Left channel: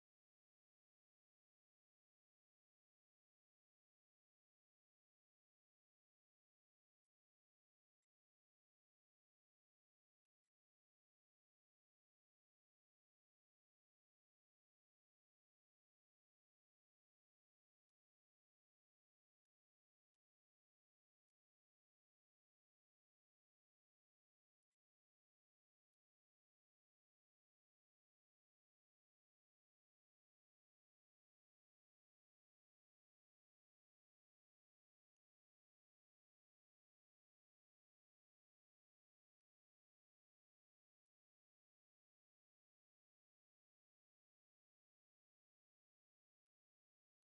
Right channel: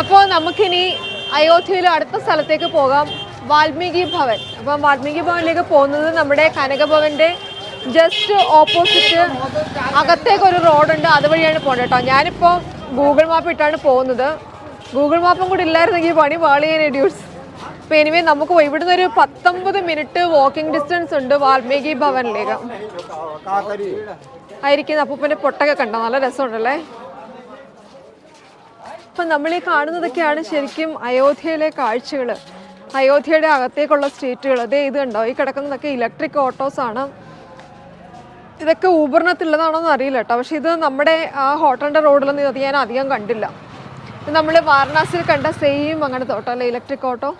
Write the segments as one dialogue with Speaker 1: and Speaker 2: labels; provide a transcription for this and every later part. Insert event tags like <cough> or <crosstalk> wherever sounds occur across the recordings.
Speaker 1: അപ്പോൾ നമുക്കിനി അയോധ്യയിലെ അടുത്ത സ്ഥലത്തേക്ക് പോകാം. വാൽമീകി ഭവൻ. അപ്പം വാൽമീകി ഭവനിലേക്ക് പോകുന്നത് നമ്മുടെ കനകഭവന്റെ ജസ്റ്റ് ഓപ്പോസിറ്റ് അകത്തേക്ക് ഒരു റോഡുണ്ട് അതുവഴിയാണ് പോകേണ്ടത് കേട്ടോ. ഞാനിപ്പോൾ ഗൂഗിൾ മാപ്പ് ഇട്ടാണ് പോകുന്നത്. ഗൂഗിൾ മാപ്പും കൂടി ഇല്ലായിരുന്നെങ്കിൽ പണി പാളിയേനെ ഡ്യൂസ് അപ്പോൾ എനിവേ നമുക്ക് ഇവിടുന്ന് ഒരു പത്തൊമ്പത് മിനിറ്റ് വാക്കിംഗ് ഡിസ്റ്റൻസ് ഉണ്ട് വാൽമീകി ഭവനിലേക്ക്. ആയിരിക്കുന്ന അപ്പൂപ്പന്റെ പൊട്ടൊക്കെ കണ്ടോ? നല്ല രസമുണ്ടല്ലേ? അപ്പം നമ്മൾ ഈ കാണുന്നതൊക്കെയാണ് ശരിക്കും അയോധ്യയിലെ കാഴ്ചകൾ. അയോധ്യയുടെ അകത്തേക്കുള്ള സ്ട്രീറ്റുകൾ. അതേ ഇത് കണ്ടോ? ഈ കിടക്കുന്നതൊക്കെ ഇലക്ട്രിക് ഓട്ടോസ് ആണ്. ഇതൊക്കെ ഊബറിനകത്തുള്ളതാണോ എന്ന് അറിയില്ല കേട്ടോ. പക്ഷെ ഇത് നമ്മുടെ ആ ഹോട്ടലിന്റെ റോഡിലൊന്നും ഇത് ഞാൻ അധികം കണ്ടില്ല. നമ്മൾ വാരണാസിയിൽ കണ്ട സെയിം അങ്ങനത്തെ ഓട്ടോ അല്ലേ? Electric auto?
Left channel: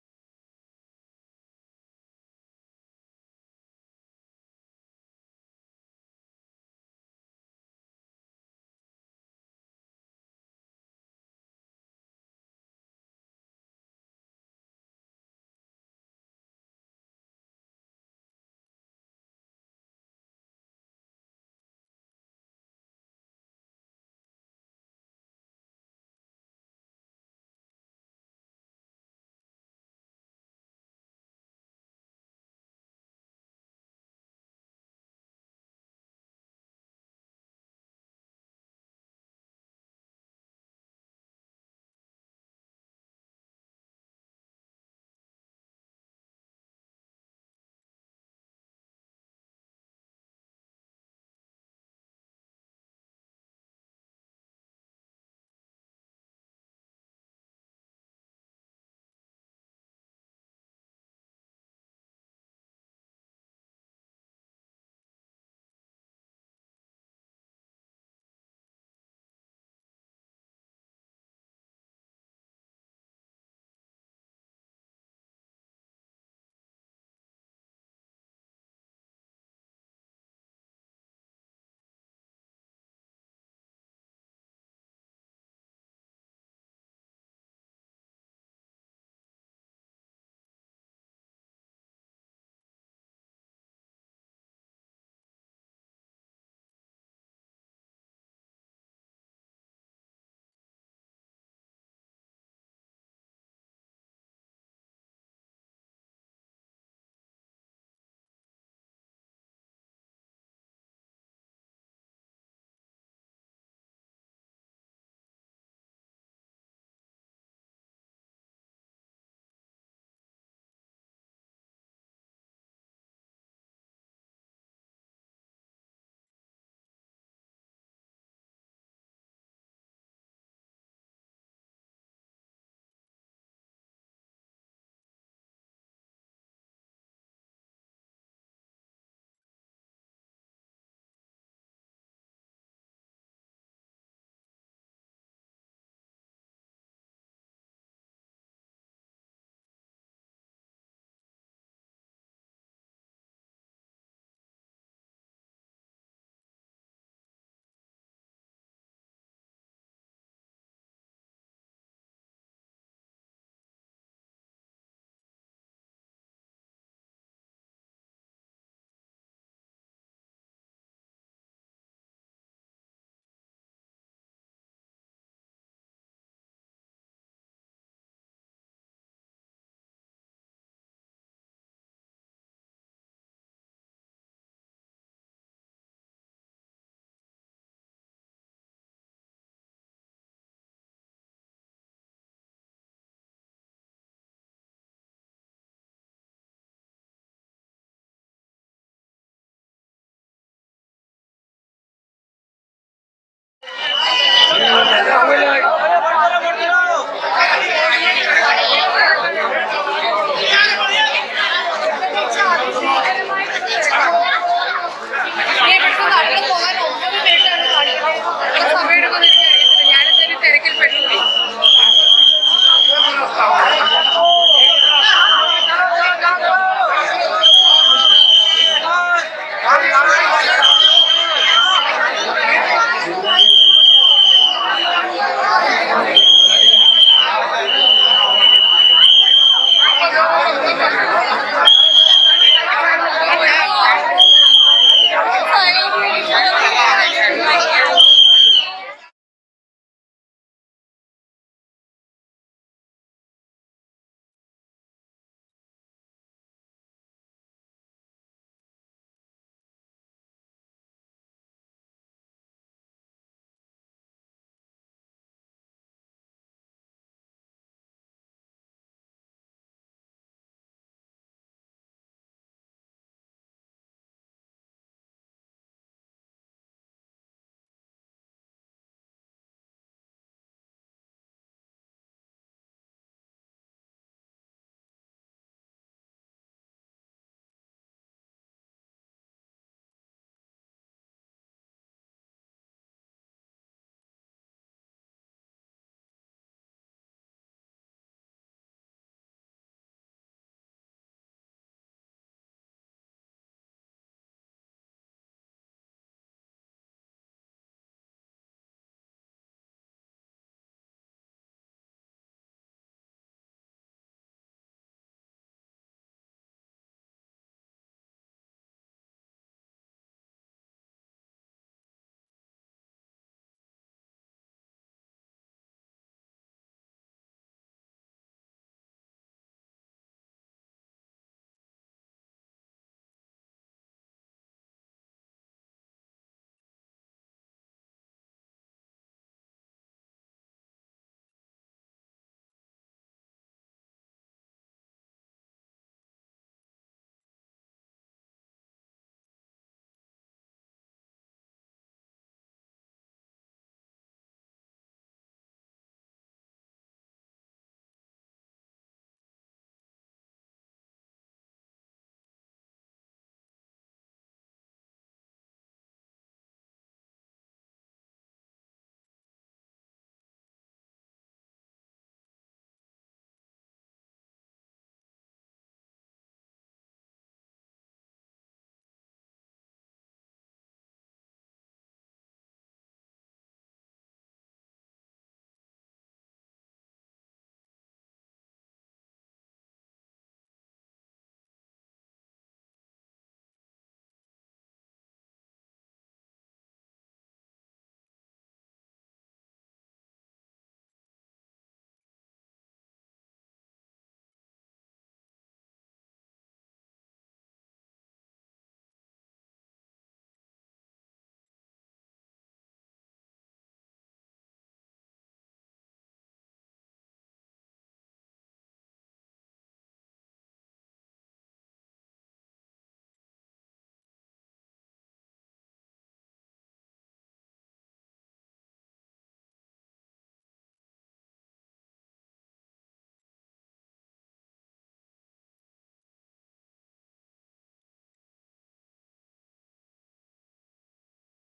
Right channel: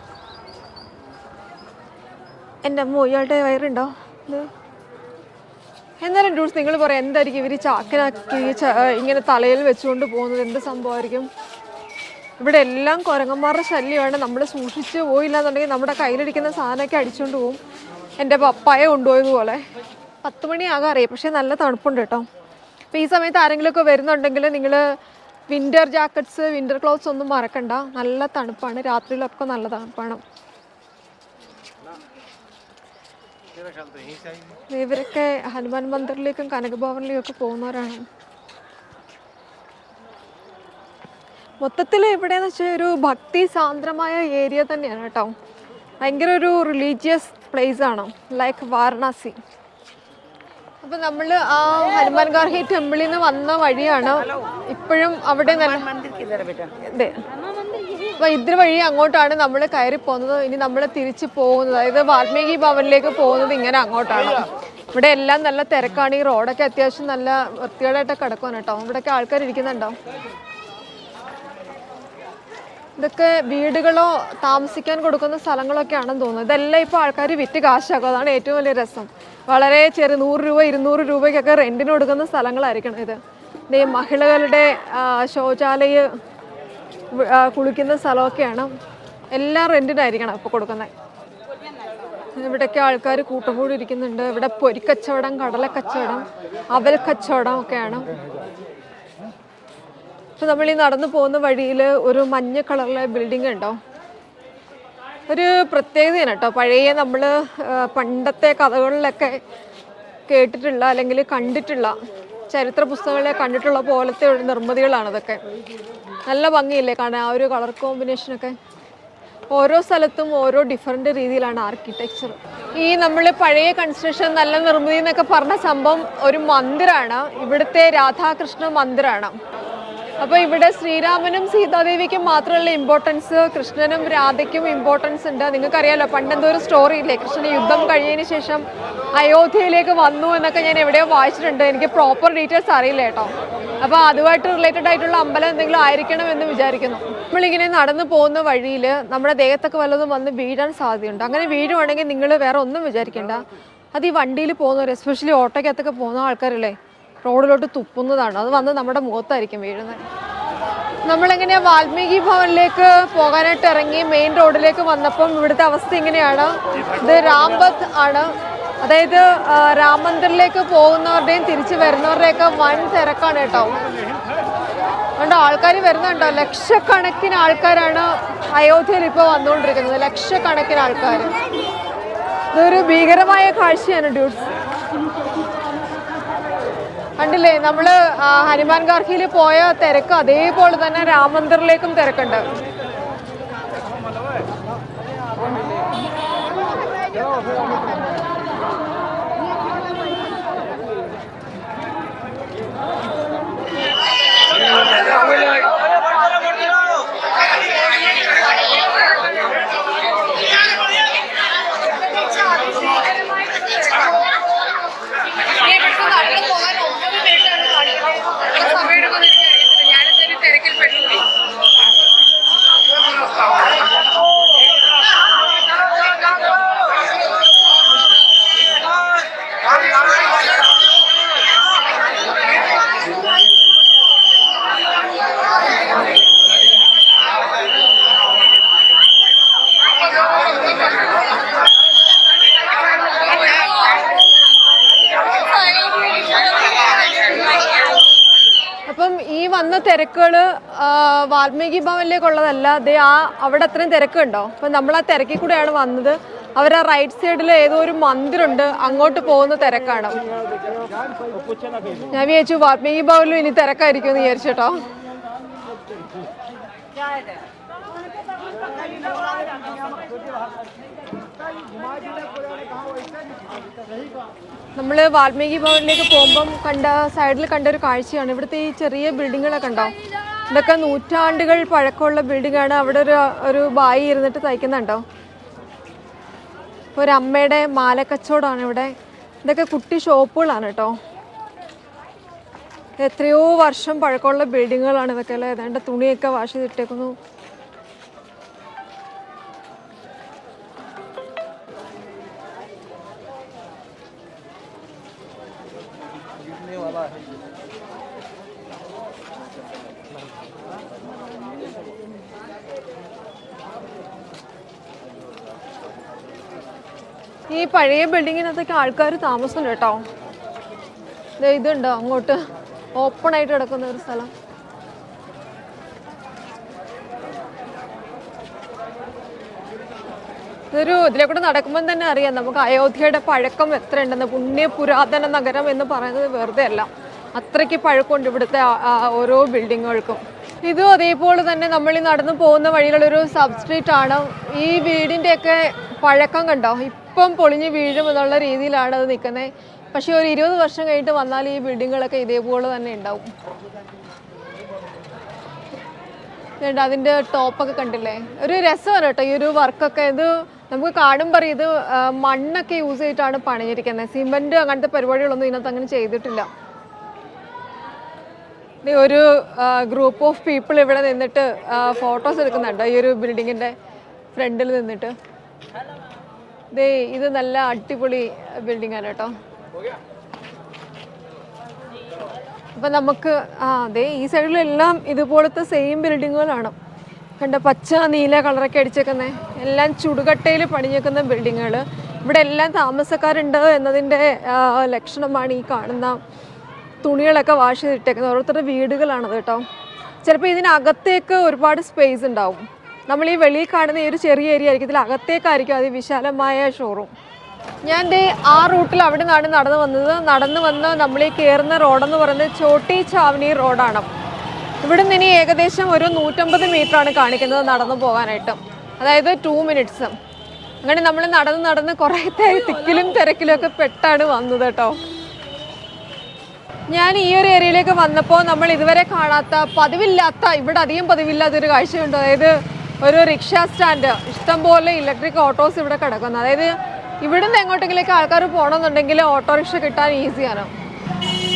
Speaker 1: എന്റെ അമ്മ ഇയാളുടെ വയറുണ്ടോ? ഇത്? എന്നാലും ഡൂസ് നിങ്ങൾ പറയാം എന്തായിരിക്കും ഇവർ ചാക്കിനാക്കി ഇങ്ങനെ തലയിൽ വെച്ചുകൊണ്ട് പോകുന്നത്? എന്ത് സംഭവമായിരിക്കും? ഇവിടെ എല്ലാം കുരങ്ങന്മാരുടെ ശല്യമാണ്. നമ്മൾ സൂക്ഷിച്ച് പോയില്ല എന്നുണ്ടെങ്കിൽ നമ്മുടെ കയ്യിലിരിക്കുന്ന സാധനമൊക്കെ അടിച്ചുകൊണ്ട് പോകും എന്റെ പപ്പായ കൊണ്ടുപോയതുപോലെ പത്ത് മണിയാകാൻ അറിയാം. പക്ഷേ നല്ല തണുപ്പുണ്ട് കേട്ടോ. അപ്പോൾ ഈ സമയത്ത് ആരെങ്കിലുമൊക്കെ വരുന്നുണ്ടെങ്കിൽ നിങ്ങൾ വിന്റർ ജാക്കറ്റ്സ് വിന്റർ ക്ലോത്ത്സ് ഒന്നും മറക്കണ്ട. നല്ല തണുപ്പാണ്. രാത്രിയിലൊക്കെ നല്ല തണുപ്പാണ്. ഇവരൊക്കെ ഹനുമാൻ മന്ദിറിലേക്കും കനകഭവനിലേക്കും ഒക്കെ പോകുന്നവരാണ്. മൊത്തത്തിൽ ഇവിടെയെന്ന് വെച്ചാൽ ഒരു ഭക്തി സാന്ദ്രമായ ഏരിയ തന്നെയാണ് കേട്ടോ. ഭയങ്കര ഒരു റിലീജിയസ് പ്ലേസ് ആണ് ലൈക്ക് വാരണാസി. അപ്പം നമ്മൾ ആ ഹനുമാൻ ഗാർഹി ടെമ്പിളിൽ നിന്ന് വന്ന വഴിയാണ് ഇപ്പോഴും അവിടെ അതെ. അപ്പൊ ഇതിന് വഴി അങ്ങോട്ടാണ് നമ്മൾ കയറി പോകുന്നത്. ഇനി നമ്മൾ തിരിച്ചു പോകുന്നത്. അതായത് വാൽമീകി ഭവനിലേക്ക് പോകുന്നത് ഇങ്ങനെ അങ്ങോട്ടാണ്. ഇവിടെ എല്ലാം നല്ല തിരക്കാണ്. ഈ റോഡൊക്കെ അത്യാവശ്യം നല്ല വൃത്തികേടായിട്ട് കിടക്കുവാണ് കേട്ടോ. ഇവിടെയൊക്കെ ആൾക്കാർ ഇരിക്കുന്നുണ്ടോ ഇതൊക്കെ വീടുകളോ താമസിക്കാൻ കൊടുക്കുന്ന സ്ഥലങ്ങളൊക്കെ ആണെന്ന് തോന്നുന്നു. ഇതെല്ലാം ഇപ്പോൾ ആൾക്കാർ വിറ്റ് കാശാക്കും. അതാണ് ഏറ്റവും വലിയ രസം. വളരെ ചെറിയ നൂറ് രൂപ ഇരുന്നൂറ് രൂപയ്ക്കൊക്കെ റെന്റിന് കൊടുക്കുന്ന സ്ഥലങ്ങളായിരിക്കണം ഇത്. ഈ മഹിളകളുടെ ശൗചാലയ കുളിക്കുന്ന സ്ഥലമൊക്കെയാണ് എല്ലാം റെന്റിനായിരിക്കണം ഇപ്പോൾ കൊടുക്കുന്നത് ഇവിടെയൊക്കെ ആൾക്കാർ കൂട്ടം കൂടി ഇരിക്കുന്നുണ്ട്. ഇവിടെ പൊരിക്കച്ചവടം കടലക്കച്ചവടം അവൽ കച്ചവടം ഒക്കെയാണ്. ഇപ്പൊ നമ്മൾ ഈ നടന്നു പോകുന്ന വഴിയിൽ ഒരു മഞ്ഞ കളറിലെ ബിൽഡിംഗ് ഉണ്ടോ? ഒരു പ്രത്യേകതയാണ് കേട്ടോ. പഴയ നമ്മൾ പണ്ടത്തെ കഥകളിലൊക്കെ കേട്ടിട്ടുള്ള അല്ലെങ്കിൽ കണ്ടിട്ടുള്ള ചരിത്ര പുസ്തകങ്ങളെ കണ്ടിട്ടുള്ള പോലത്തെ ഒരു നിർമ്മിതികളാണ് ഇതൊക്കെ. നല്ല ഭംഗിയില്ലേ കാണാൻ ആ ഒരു കളർ കോമ്പിനേഷനൊക്കെ ഓരോ സ്ഥലത്തും ഓരോ ഡിഫറെന്റ് രീതിയിലാണ് ആർക്കിടെക്ചർ ഈ നമ്മൾ പഴയ കൺസ്ട്രക്ഷൻ നല്ല നിർമ്മിതി എന്നൊക്കെ പറഞ്ഞ സംഭവം ഒരു മന്ദിരാണ്. ഇവിടുത്തെ രാധാകൃഷ്ണ മന്ദിരാണ്. അപ്പോൾ ഇവിടെ ശ്രീരാമനും സീതാദേവിക്കും മാത്രമല്ല ഇമ്പോർട്ടൻസ് കൃഷ്ണനും രാധയ്ക്കും ഇമ്പോർട്ടൻസ് ഉണ്ട്. നിങ്ങൾക്കറിയാലോ പണ്ടെന്തോ ഒരു സ്റ്റോറി ഇല്ലേ? കൃഷ്ണൻ യുദ്ധം കഴിഞ്ഞതിന് ശേഷം അയോധ്യയിലേക്ക് വന്നു എന്നൊക്കെ ഞാൻ എവിടെയോ വായിച്ചിട്ടുണ്ട്. എനിക്ക് പ്രോപ്പർ ഡീറ്റെയിൽസ് അറിയില്ല കേട്ടോ. അപ്പോൾ അതുമായിട്ട് റിലേറ്റഡ് ആയിട്ടുള്ള അമ്പലം എന്തെങ്കിലും ആയിരിക്കണം എന്ന് വിചാരിക്കുന്നു. നമ്മളിങ്ങനെ നടന്നു പോകുന്ന വഴിയിൽ നമ്മുടെ ദേഹത്തൊക്കെ വല്ലതും വന്ന് വീഴാൻ സാധ്യതയുണ്ട്? അങ്ങനെ വീഴുവാണെങ്കിൽ നിങ്ങൾ വേറെ ഒന്നും വിചാരിക്കേണ്ട. അത് ഈ വണ്ടിയിൽ പോകുന്നവർ എസ്പെഷ്യലി ഓട്ടോയ്ക്കകത്തൊക്കെ പോകുന്ന ആൾക്കാരില്ലേ? റോഡിലോട്ട് തുപ്പുന്നതാണ്. അത് വന്ന് നമ്മുടെ മുഖത്തായിരിക്കും വീഴുന്നത്. നമ്മളെങ്ങനെയാ വാൽമീകി ഭവനിലേക്ക് പോകാനായിട്ട് ഇറങ്ങി മെയിൻ റോഡിലേക്ക് വന്നപ്പം ഇവിടുത്തെ അവസ്ഥ ഇങ്ങനെയാണ്. ഇത് രാംബത്ത് ആണ്. അതായത് രാം മന്ദിറിലേക്ക് പോകുന്നവരുടെയും തിരിച്ചു വരുന്നവരുടെയൊക്കെ വൻ തിരക്കാണ് കേട്ടോ. അതുകൊണ്ട് ആൾക്കാർ വരുന്നുണ്ടോ? ലക്ഷക്കണക്കിന് ആൾക്കാരാണ് അയോധ്യയിൽ ഇപ്പോൾ വന്നുകൊണ്ടിരിക്കുന്നത്. ലക്ഷക്കണക്കിന് ആൾക്കാർ ഇതൊരു ഭീകരമായ കാഴ്ചയാണ് ഡ്യൂട്ട്സ് കണ്ടില്ലേ നമ്മൾ ഹനുമാൻ ഗാർഹിയിൽ പോയ തിരക്ക് അതേപോലെ തന്നെ രാമന്ദിറിലേക്കും തിരക്കുണ്ട് Thank you. വാൽമീകി ഭവനിലേക്കുള്ളതല്ല ദേ ആ അവിടെ അത്രയും തിരക്കുണ്ടോ? അപ്പം നമ്മൾ ആ തിരക്കിൽ കൂടെയാണ് വന്നത്. അവർ ആ റൈറ്റ് സൈഡിൽ ഏതോ ഒരു മന്ദിരമുണ്ട് അങ്ങോട്ട് പോകുന്ന തിരക്കാണ്. ഞാൻ വിചാരിച്ചു വാൽമീകി ഭവനിലും ഇനി തിരക്കായിരിക്കും എന്ന് വിചാരിച്ചോട്ടോ നമ്മൾ വാൽമീകി ഭവനിലേക്ക് പോകുമ്പം കണ്ട സൈഡിൽ കണ്ട ഒരു കാഴ്ചയാണ്. ഇവിടുത്തെ ഈ ചെറിയ ബിൽഡിങ്ങുകളൊക്കെ ഉണ്ടോ ഇതൊക്കെ നൂറ്റാണ്ടുകൾ പഴക്കമുള്ള ബിൽഡിംഗ് ആണ് അവിടെ ഒരു ഒരു ബായി ഇരുന്നിട്ട് തയ്ക്കുന്നുണ്ടോ? ഒരു അമ്മയുടെ മാലക്കച്ചവടമാണ് ഇവിടെ. ഇതൊക്കെ കുട്ടി ഷോപ്പുകളാണ് കേട്ടോ. എത്രയോ വർഷം പഴക്കമുള്ള ബിൽഡിങ്ങുകളാണ് ഇതൊക്കെ അല്ലേ ഏതാണ്ട് തുണിയൊക്കെ വാഷ് ചെയ്തിട്ടേക്കുന്നു. ഈ പഴയ ബിൽഡിങ്ങിനകത്തൊക്കെ ആൾക്കാർ താമസമുണ്ട് കേട്ടോ. ഇതുണ്ടോ അങ്ങോട്ട്? ഓപ്പൺ ആയിട്ട് കിടക്കുന്ന ഒരു സ്ഥലം. ഇതൊരു ഇതിലെ കൂടെ നടക്കുമ്പോൾ തന്നെ അറിയാം. നമുക്ക് അയോധ്യയുടെ പഴക്കം എത്ര ഉണ്ടെന്ന് പുണ്യ പുരാതന നഗരം എന്ന് പറയുന്നത് വെറുതെ അല്ല. അത്രയ്ക്ക് പഴക്കമുണ്ട് ഇവിടുത്തെ ഓരോ ബിൽഡിങ്ങുകൾക്കും. ഇതും അതേപോലെ തന്നെ നമ്മൾ ഈ നടന്നു പോകുന്ന വഴിയിലുള്ളൊരു സബ് സ്ട്രീറ്റ് ആണ്. ഈ വീടിന്റെയൊക്കെ പഴക്കം കണ്ടോ? ഇപ്പം പൊളിഞ്ഞ് വീഴും എന്നുള്ള രീതിയിലാണ് അത് നിൽക്കുന്നത്. പക്ഷേ ഒരു ഇരുപത് വർഷം കഴിഞ്ഞിട്ട് വന്നാൽ ഈ ബിൽഡിങ്ങുകളൊക്കെ ഇതേപോലെ തന്നെ ഉണ്ടാവും. വേണ്ട അതിന്റെ ടോപ്പൊക്കെ കണ്ടില്ലേ? ഒരു രസമാണ് കേട്ടോ ഈ ഒരു വർക്കൊക്കെ. ഇത് നമുക്ക് അറിയാം ഇത് മണ്ണൊക്കെ യൂസ് ചെയ്തിട്ടാണ് പണിഞ്ഞിരിക്കുന്നത്. സിമെന്റ് അങ്ങനത്തെ പരിപാടികളൊന്നും ഇതിനകത്ത് അങ്ങനെ ചെയ്തിട്ടില്ല. ഒരു ഗ്രൂപ്പ് ഓഫ് പീപ്പിൾ ഇവിടെ നിന്നിട്ട് ഫോട്ടോസ് എടുക്കുന്നുണ്ട് ഈ ഒരു ബിൽഡിങ്ങിന്റെ ഫ്രണ്ടിൽ നിന്നിട്ട്. ദേ ഇത് നല്ല അടിപൊളി ബിൽഡിങ്ങാണ് കേട്ടോ. അപ്പൊ നമുക്ക് ആ അതെ ഈ സൈഡിലെല്ലാം ഇതുപോലത്തെ സെയിം ബിൽഡിങ്ങുകളാണ് കണ്ട പച്ച നീല കളറൊക്കെ അടിച്ചേക്കുന്നത് എല്ലാം ചുടുകട്ടയിൽ പണിഞ്ഞേക്കുന്ന ബിൽഡിങ്ങുകൾ ഇവിടെ എല്ലാം താമസക്കാരുണ്ട് എന്നതിന്റെ ലക്ഷണമാണ് ഈ കാണുന്ന തുണികളൊക്കെ വാഷ് ചെയ്തിട്ടേക്കുന്നത്. ഓരോരുത്തരുടെ വീടുകളാണത് കേട്ടോ. ചിലപ്പോൾ ഇതിനകത്തേക്ക് ഒരുപാട് സ്പേസ് ഉണ്ടാവും. നമ്മൾ ഈ വെളിയിൽ കാണുന്ന ഈ ഒരു ചെറിയ ഏരിയ ആയിരിക്കും. ഇതിൽ അകത്തേക്കായിരിക്കും അതിവിശാലമായ ഷോറൂം ഞാൻ ദേ ആ റൂട്ടിൽ അവിടെ നിന്നാണ് നടന്നു വന്നത്. നടന്നു വന്ന് നമ്മൾ ഈ കയറുന്ന റോഡെന്ന് പറയുന്നത് ചോട്ടി ചാവനി റോഡാണ്. ഇവിടെ നിന്ന് ഇനി ഏകദേശം ഒരു നൂറ്റമ്പത് ആണ് കാണിക്കുന്നത് നടന്നു പോകാനായിട്ട്. അതായത് ടു മിനിറ്റ്സ് അങ്ങനെ നമ്മൾ നടന്ന് നടന്ന് കുറേ തിക്കിലും തിരക്കിലും ഒക്കെ പെട്ടാണ് വന്നത് കേട്ടോ. ഞാൻ ഈ ഒരു ഏരിയയിലേക്ക് വന്നപ്പോൾ നമ്മൾ ഇതുവരെ കാണാത്ത പതിവില്ലാത്ത ഇവിടെ അധികം പതിവില്ലാത്തൊരു കാഴ്ചയുണ്ട്. അതായത് ഒരു റിക്ഷ സ്റ്റാൻഡ്. ഇഷ്ടംപോലെ ഇലക്ട്രിക് ഓട്ടോസ് ഇവിടെ കിടക്കുന്നു. അതായത് ഇവിടുന്ന് എങ്ങോട്ടെങ്കിലേക്ക് ആൾക്കാർ പോകണമെന്നുണ്ടെങ്കിൽ ഓട്ടോറിക്ഷ കിട്ടാൻ ഈസിയാണ്.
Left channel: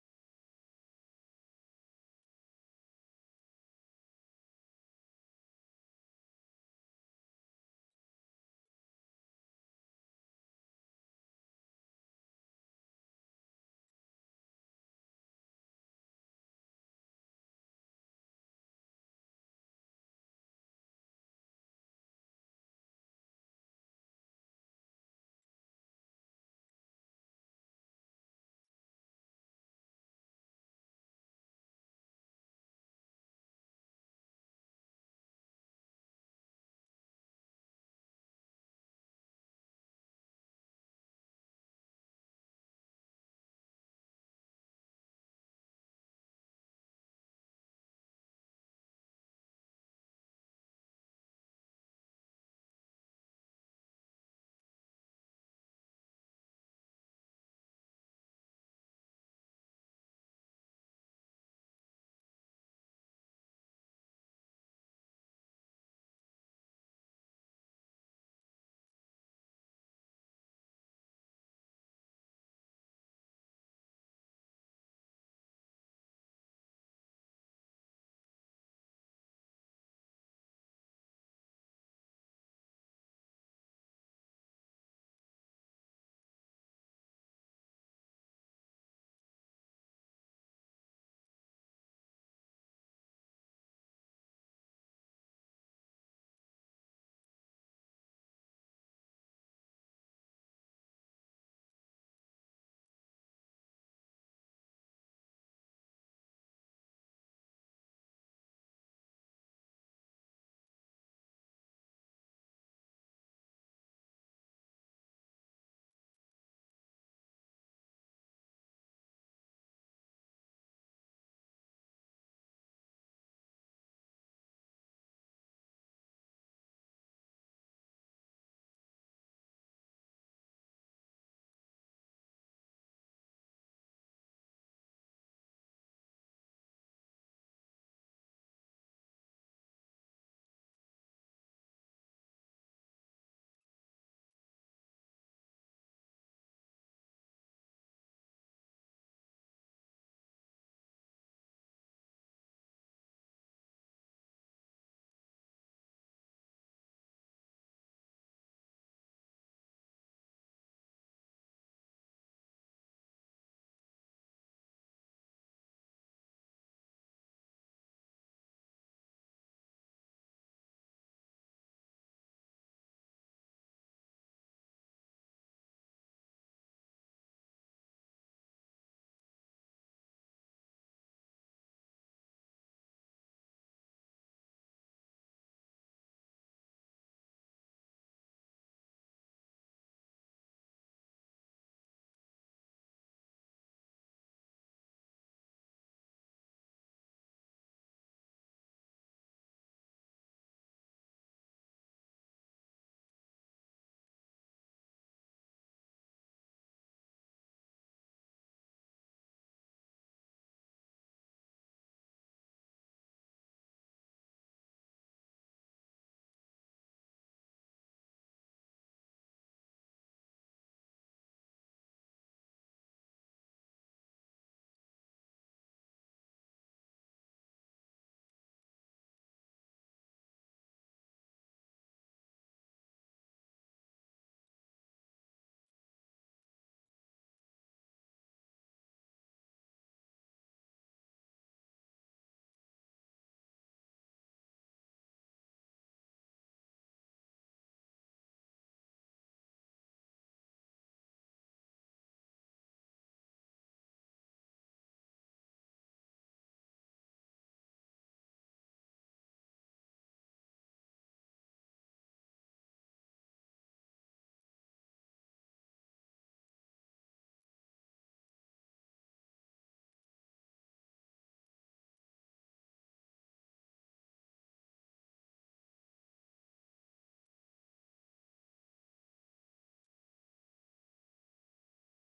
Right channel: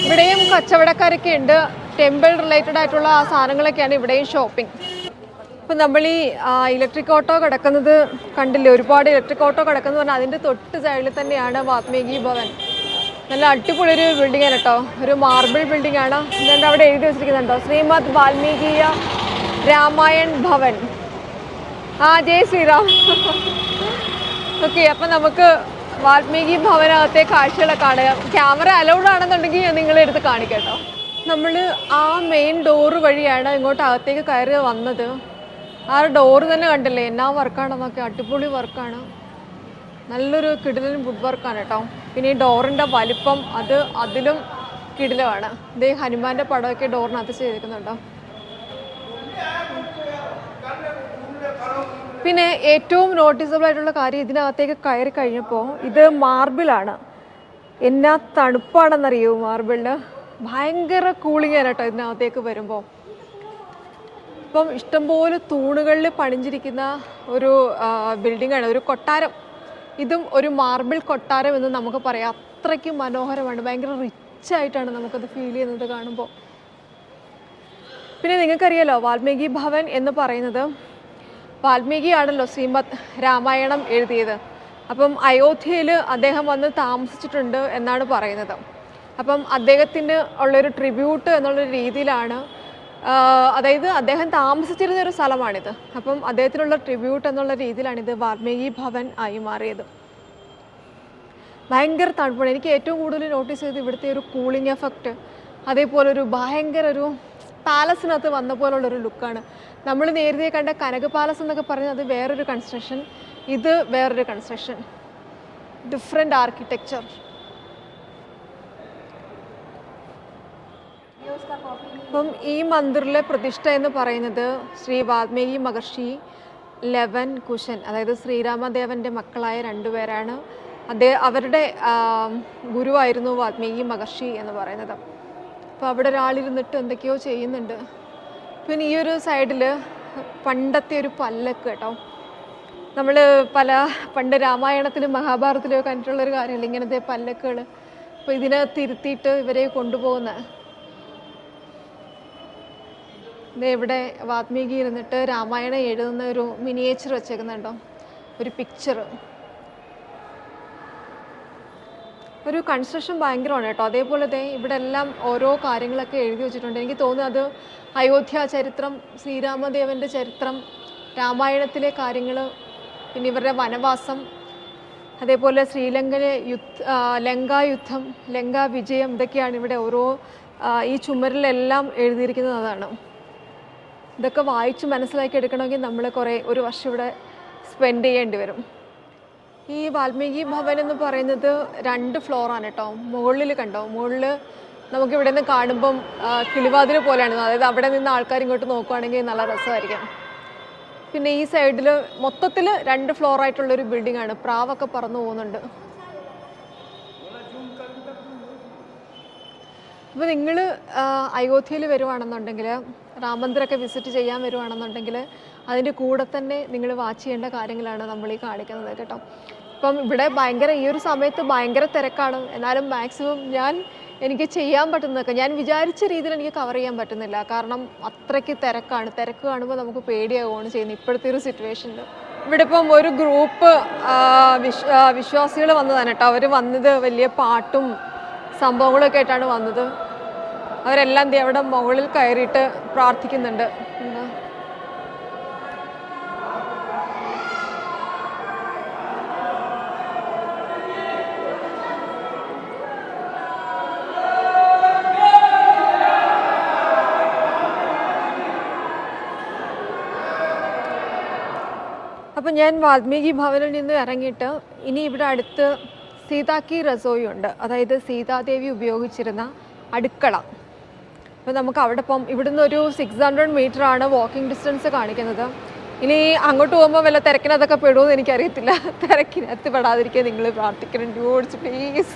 Speaker 1: ഇവിടെയും കച്ചവടക്കാരൊക്കെ ഉണ്ട്. ടെമ്പിൾ റിലേറ്റഡ് ആയിട്ടുള്ള ആ സാധനങ്ങളൊക്കെയാണ് ഇവിടെയും ഷോപ്പിംഗ്. ഇപ്പം നമ്മൾ ഈ ഇലക്ട്രിക് ഓട്ടോ കിടക്കുന്നത് കണ്ടില്ലേ? ഒരുപാട് ഇലക്ട്രിക് ഓട്ടോ കിടക്കുന്നത് പറഞ്ഞാൽ അതിന്റെ തൊട്ട് സൈഡിൽ തന്നെയാണ് വാത്മീകി ഭവൻ. നല്ല അടിപൊളി ഒരു ബിൽഡിംഗ് ആണ് കേട്ടോ. ഒരു മാർബിൾ ബിൽഡിംഗ് ആണ്. എന്നിട്ട് അവിടെ എഴുതി വെച്ചിരിക്കുന്നുണ്ടോ? ശ്രീമദ് വാൽമീകിയ രാമായൺ ഭവൻ. ആ ജയ് ശ്രീറാം. ഓക്കെ അപ്പം നമുക്ക് വാൽമീകി ഭവനകത്തെ കാഴ്ചകളൊക്കെ കാണാം ക്യാമറ അലൗഡ് ആണെന്നുണ്ടെങ്കിൽ നിങ്ങളെ എടുത്ത് കാണിക്കട്ടോ നമ്മൾ ആ മെയിൻ ഡോറ് വഴിയാണ് ഇങ്ങോട്ട് അകത്തേക്ക് കയറി വന്നത്. ആ ഡോറ് തന്നെ കണ്ടില്ലേ? എന്നാ വർക്കാണെന്നൊക്കെ അടിപൊളി വർക്കാണ് നല്ലൊരു കിടിലൻ വുഡ് വർക്കാണ് കേട്ടോ. പിന്നെ ഈ ഡോറിന്റെ വലിപ്പം അത് അതിലും കിടിലമാണ്. ഇതേ ഹനുമാന്റെ പടമൊക്കെ ഡോറിനകത്ത് ചെയ്തിരിക്കുന്നുണ്ടോ പിന്നെ ഏറ്റവും നോട്ടീസബിൾ ആയിട്ടുള്ള കാര്യം ഇതിനകത്തേക്ക് കയറി കഴിഞ്ഞപ്പോൾ ഇത് മാർബിളാണ്. എന്നാ തണുപ്പാണെന്നറിയോ മാർബിളിന്? ഭയങ്കര കൂളിംഗ് ആണ് കേട്ടോ ഇതിനകത്തേക്ക് വരുമ്പോൾ ഇപ്പം ഇഷ്ടംപോലെ തൂണുകളിൽ പണിഞ്ഞിരിക്കുന്ന ഒരു ബിൽഡിംഗ് ആണ് ഒരു കൊട്ടാരം. ഇതും ഒരു മാർബിൾ കൊട്ടാരം എന്ന് നമുക്ക് പറയാം. അത്രയ്ക്ക് മനോഹരമാണ് ഭയങ്കര റിച്ച് ആയിട്ടാണ് നമുക്കത് ഫീൽ ചെയ്യുന്നത് കാണുമ്പോൾ പിന്നെ നിങ്ങൾക്കറിയാലോ വാൽമീകി ഭവൻ എന്ന് പറയുന്നത് വാൽമീകിയാണല്ലോ ശ്രീമദ് രാമായണം എഴുതിയത്. അപ്പം അയോധ്യയിൽ അദ്ദേഹം വന്ന് താമസിച്ചിട്ടുണ്ട് എന്നാണ് പറയുന്നത്. അപ്പം അദ്ദേഹത്തിന് ഉള്ളൊരു ട്രിബ്യൂട്ട് എന്നുള്ളൊരു രീതിയിലാണ് അതായത് അദ്ദേഹം താമസിച്ചിരുന്ന ഒരു സ്ഥലമാണിത്. അപ്പം അദ്ദേഹത്തിനുള്ള ട്രിബ്യൂട്ട് എന്നുള്ള രീതിയിലാണ് വാൽമീകി ഭവൻ ആയി മാറിയത്. ഭയങ്കര തണുപ്പാണ്. എനിക്ക് ഏറ്റവും കൂടുതൽ നോട്ടീസ് ചെയ്ത് ഇവിടുത്തെ ഒരു കൂളിംഗ് എഫക്റ്റ് അതേപോലെ ഒരു ഭയങ്കര ഒരു പാലസിനകത്ത് വന്ന പോലുള്ളൊരു ലുക്കാണ് നമ്മൾ നേരത്തെ കണ്ട കനക പാലസ് എന്നൊക്കെ പറയുന്നത് വേറൊരു കൺസ്ട്രക്ഷൻ ഇത് വേറൊരു കൺസ്ട്രക്ഷൻ ഡിഫറെന്റ് ആർക്കിടെക്ചർ അപ്പം ഈ മന്ദിറിലെ പ്രതിഷ്ഠ എന്ന് പറയുന്നത് ശ്രീ വാൽമീകി മഹർഷി ലെവൻ കുശൻ അതായത് ശ്രീരാമദേവന്റെ മക്കളായ രണ്ടുപേരാണ് അദ്ദേഹം അവരുടെ ഗുരുവായിരുന്നു വാൽമീകി മഹർഷി എന്ന് പറയുന്നത്. അപ്പോൾ അവിടെ ഒരാളിരുന്നിട്ട് എന്തൊക്കെയോ ചെയ്യുന്നുണ്ട്. പിന്നെ ഈ ഒരു സൈഡിൽ പണ്ടത്തെ ഒരു പല്ലക്ക് കേട്ടോ. നമ്മൾ പല പണ്ട് രാമായണത്തിലും മഹാഭാരതത്തിലും കണ്ടിട്ടുള്ളൊരു കാര്യമല്ല ഇങ്ങനത്തെ പല്ലക്കുകൾ അപ്പോൾ ഇതിനെ തിരുത്തിയിട്ട് ഇവരെ കൊണ്ടുപോകുന്ന. ഇവിടെ വാത്മീകി ഇരുന്നിട്ട് രാമായണം എഴുതുന്ന ഒരു മിനിയേച്ചർ വെച്ചേക്കുന്നുണ്ടോ? ഒരു പിക്ചർ ഒരു കൺസ്ട്രക്ഷൻ ഭയങ്കരമാണ് കേട്ടോ. അതേപോലെ തന്നെ ഇവിടെ എല്ലാം ഓരോ കാര്യങ്ങളൊക്കെ എഴുതി വെച്ചിട്ടുണ്ട്. എനിക്ക് തോന്നുന്നത് അത് അയോധ്യ ചരിത്രം ശ്രീരാമദേവന്റെ ചരിത്രം രാമായണത്തിലെ കാര്യങ്ങൾ പിന്നെ ഇവരുടെ വനവാസം അതേപോലെ ശ്രീലങ്കയിലെ യുദ്ധ ലങ്കാ യുദ്ധം ലങ്കാ വിജയം ഇതൊക്കെയാണ് ഇവിടെ ഓരോ ഈ ചുമരിലെല്ലാം എഴുതിയിരിക്കുന്നത് അതാണ്. ഇതൊക്കെ വായിച്ച് മനസ്സിലാക്കി എടുക്കണമെങ്കിൽ നമ്മൾ കുറേ ഒരു വർഷം ഇവിടെ സ്പെൻഡ് ചെയ്യേണ്ടി വരും. ഈ വാൽമീകി ഭവൻ എന്ന് പറയുന്നത് രണ്ട് ഫ്ലോറാണ് കേട്ടോ. മുകളിൽ കണ്ടോ? മുകളിൽ നമുക്ക് ഇവിടെ നിന്ന് കാണുമ്പം കിളിവാതിൽ പോലെയാണ് അതായത് അവിടെ നിന്ന് ആൾക്കാർ ഇങ്ങോട്ട് നോക്കുവാണെങ്കിൽ നല്ല രസമായിരിക്കും. പിന്നെ ഈ സൈഡിൽ മൊത്തത്തിൽ രണ്ട് ഫ്ലോർ ആയിട്ടുള്ളൊരു ബിൽഡിംഗ് ആണ്. പ്രാവൊക്കെ പറന്നു പോകുന്നുണ്ട്. അപ്പോൾ നിങ്ങൾ അയോധ്യയിൽ വരുവാണെന്നുണ്ടെങ്കിൽ രാമന്ദിരൊക്കെ വിസിറ്റ് ചെയ്യാൻ വരുവാണെന്നുണ്ടെങ്കിൽ അതിന്റെ കൂടെ തന്നെ നിങ്ങൾ വാച്ച് ചെയ്യേണ്ട കാര്യങ്ങളാണ് നമ്മൾ ഈ കാണിക്കുന്നത് കേട്ടോ. ഇപ്പം ഇവിടെ ഭയങ്കര ഈ ഒരു സമയത്ത് ഭയങ്കര തിരക്കാണ്. എന്നാലും മാക്സിമം ഞാൻ എനിക്ക് ചെയ്യാൻ പറ്റുന്നതൊക്കെ ഞാൻ വിചാരിച്ച രീതിയിൽ എനിക്ക് കവർ ചെയ്യാൻ പറ്റുന്നില്ല. കാരണം അത്രയ്ക്ക് തിരക്കാണ്. തിരക്ക് കാണുമ്പോൾ നമുക്ക് പേടിയാവുകയാണ് ചെയ്യുന്നത് ഇപ്പോഴത്തെ ഒരു സിറ്റുവേഷനിൽ ഇവിടെ ഇപ്പം ഒരു ഗ്രൂപ്പ് വിശ്വാസികൾ വന്നതാണ് കേട്ടോ. അവർ വന്നത് വലിയ പാട്ടും സംഭവങ്ങളൊക്കെ ആയിട്ടാണ് വന്നത്. അവരെല്ലാം അവിടെ മുകളിൽ കയറിയിട്ട് പ്രാർത്ഥിക്കുന്നുണ്ട്. എന്താ അപ്പം ഞാൻ വാൽമീകി ഭവനിൽ നിന്ന് ഇറങ്ങിയിട്ട് ഇനി ഇവിടെ അടുത്ത് സീതാക്കി റസോയി ഉണ്ട്. അതായത് സീതാദേവി ഉപയോഗിച്ചിരുന്ന അടുക്കള. അപ്പോൾ നമുക്ക് അവിടെ ഇപ്പം ഇവിടുന്ന് ഒരു സിക്സ് ഹൺഡ്രഡ് മീറ്റർ ആണ് വാക്കിംഗ് ഡിസ്റ്റൻസ് കാണിക്കുന്നത്. ഇനി അങ്ങോട്ട് പോകുമ്പോൾ വല്ല തിരക്കിനകത്തൊക്കെ പെടുമെന്ന് എനിക്കറിയത്തില്ല. <laughs> തിരക്കിനകത്ത് പെടാതിരിക്കാൻ നിങ്ങൾ പ്രാർത്ഥിക്കണം. Dudes please